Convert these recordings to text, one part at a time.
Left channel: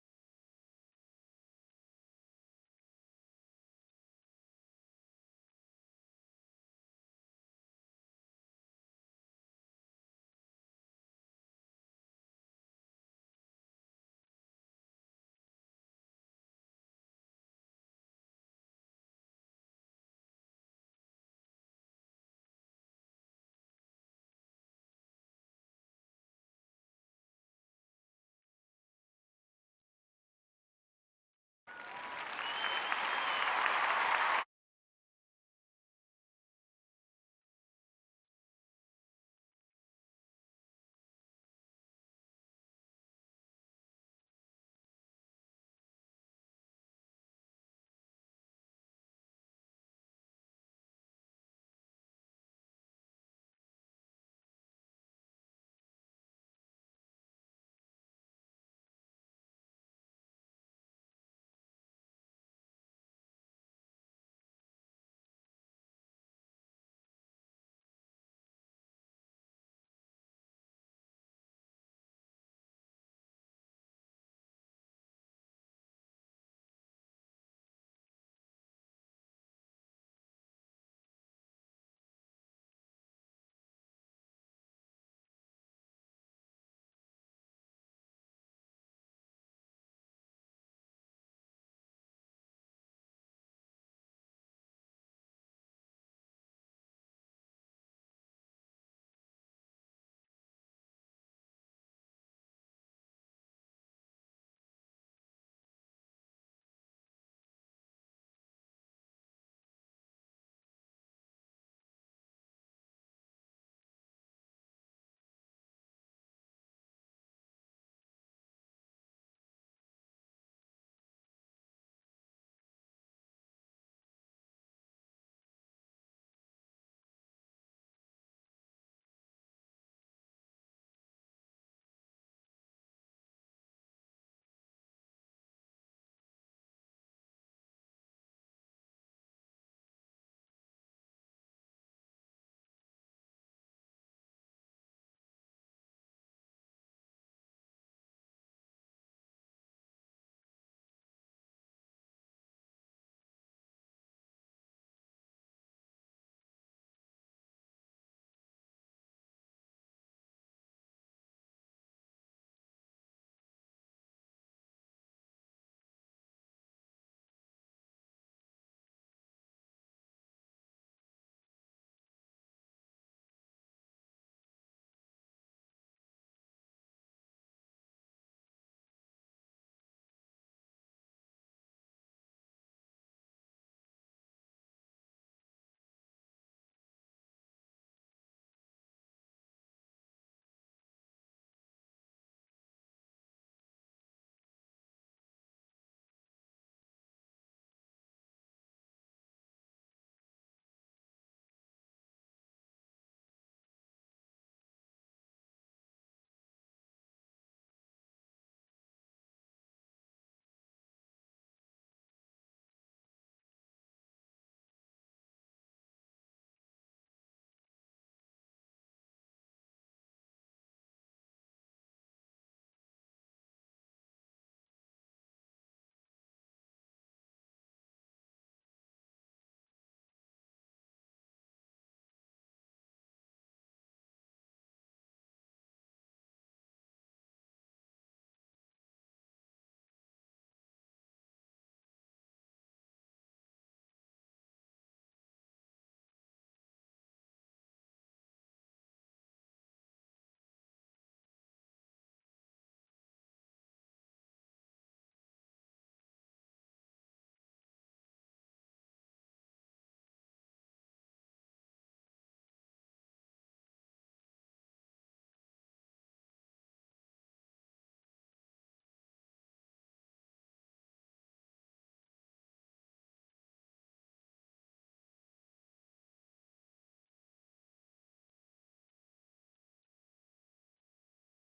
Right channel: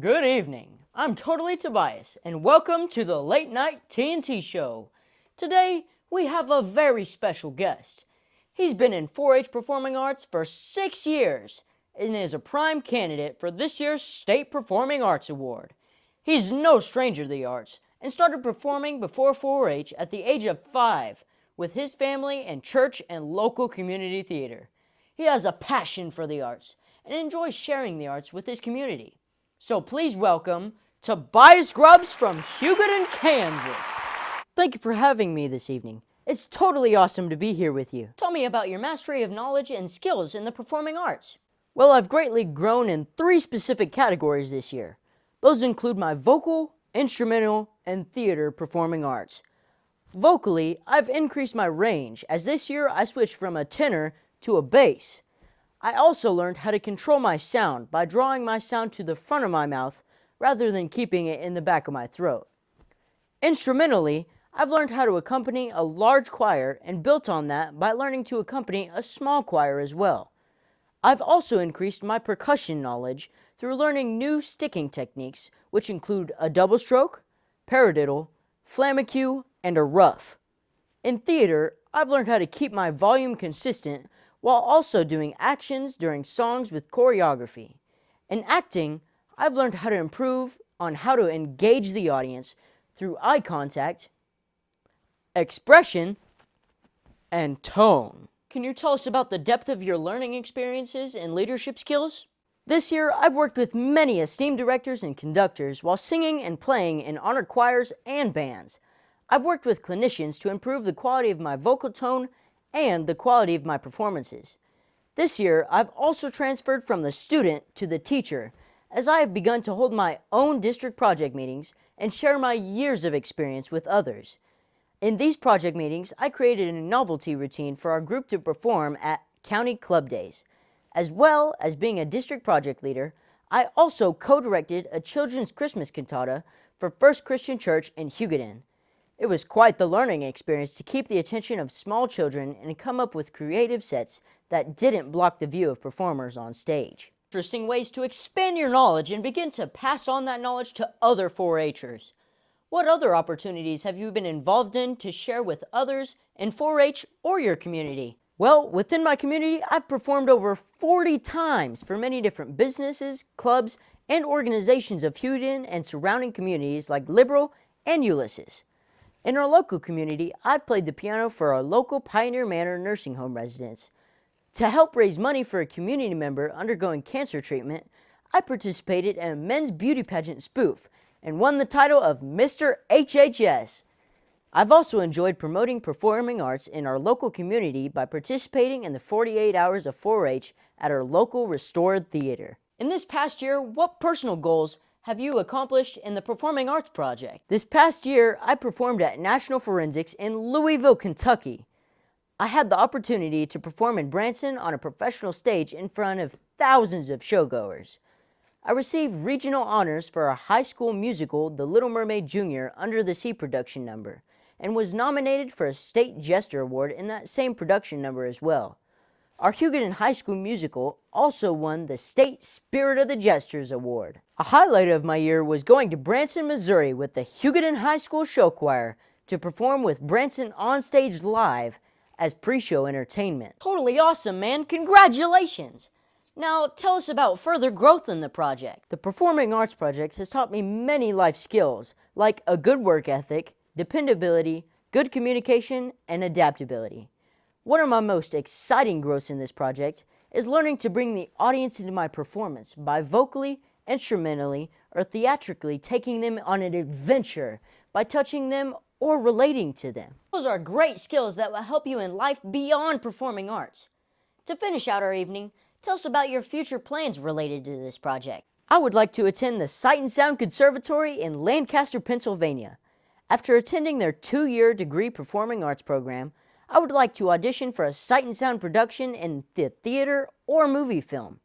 Good evening. I'm totally Tobias, and welcome to the Late Night TNT Show. Today, we have a very special guest. He's been in 4-H performing arts for 6 years and is a prime candidate for this year's State Performing Arts Award. He's no stranger to the arts and started performing before 4-H at the age of 5 with his family in church and local community theater. He has a passion for the arts and enjoys sharing the arts with his community. So please welcome Tobias Grubbs from Hugoton, Kansas. Thank you for having me this evening. It's totally awesome to be here with you. Tell me about your mastery of knowledge and skills in the performing arts. Well, I've greatly grown in 3 specific categories this year. Those include my vocal, instrumental, and theater performing arts. Vocally, I've increased my range as this year I switched from a tenor to a bass. I also learned how to control my sound by drawing my sound to the front of my mouth rather than keeping it in the back of my throat. Instrumentally, I've learned how to accompany a large choir and built on that by learning to accompany a small choir as well. I've also increased my percussion knowledge through learning new sticking techniques, which include a double stroke, paradiddle, flamecue, and a ruff. In theater, I've learned how to keep my volume consistent while also doing actions during songs with choreography. In acting, I've learned how to improve on how to engage the audience through eye contact, expression, and tone. Can you tell us about the depth of your learning experiences and leadership skills? This year, I've worked with many esteemed directors and conductors while singing and playing in honored choirs and bands. I've worked with clinicians to improve the quality of my vocal tone and the quality of my performances. This year, I've also transferred from the student to the teacher, as I have begun to hold my own district project meetings and share my years of experience with others. In these project meetings, I created a novelty routine for our group to perform at county club days. As well as being a district project leader, I also co-directed a children's Christmas cantata for First Christian Church in Hugoton. It was quite the learning experience to keep the attention of small children and come up with creative sets that didn't block the view of performers on stage. Interesting ways to expand your knowledge and begin to pass on that knowledge to other 4-Hers. What other opportunities have you been involved in to share with others in 4-H or your community? Well, within my community, I've performed over 40 times for many different businesses, clubs, and organizations of Hugoton and surrounding communities like Liberal and Ulysses. In our local community, I've played the piano for our local Pioneer Manor nursing home residents. To help raise money for a community member undergoing cancer treatment, I participated in a men's beauty pageant spoof and won the title of Mr. HHS. I've also enjoyed promoting performing arts in our local community by participating in the 48 hours of 4-H at our local restored theater. In this past year, what personal goals have you accomplished in the Performing Arts Project? This past year, I performed at National Forensics in Louisville, Kentucky. I had the opportunity to perform in Branson on a professional stage in front of thousands of showgoers. I received regional honors for our high school musical, The Little Mermaid Jr. Under the Sea production number, and was nominated for a State Jester Award in that same production number as well. Our Hugoton High School musical also won the State Spirit of the Jesters Award. A highlight of my year was going to Branson, Missouri with the Hugoton High School Show Choir to perform with Branson on stage live as pre-show entertainment. Totally awesome, man. Congratulations! Now, tell us about further growth in the project. The Performing Arts Project has taught me many life skills, like a good work ethic, dependability, good communication, and adaptability. One of my most exciting growths in this project is learning to bring the audience into my performance by vocally, instrumentally, or theatrically taking them on an adventure by touching them or relating to them. Those are great skills that will help you in life beyond performing arts. To finish out our evening, tell us about your future plans related to this project. I would like to attend the Sight and Sound Conservatory in Lancaster, Pennsylvania. After attending their 2-year degree performing arts program, I would like to audition for a Sight and Sound production in the theater or movie film.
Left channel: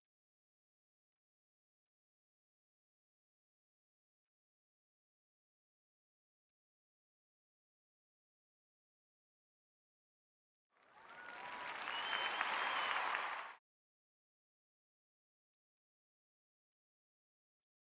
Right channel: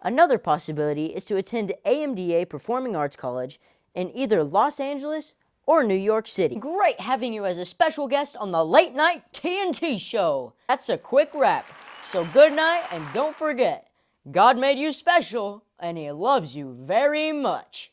Another possibility is to attend AMDA Performing Arts College in either Los Angeles or New York City. Great having you as a special guest on the Late Night TNT Show. That's a quick wrap. So good night, and don't forget, God made you special, and he loves you very much.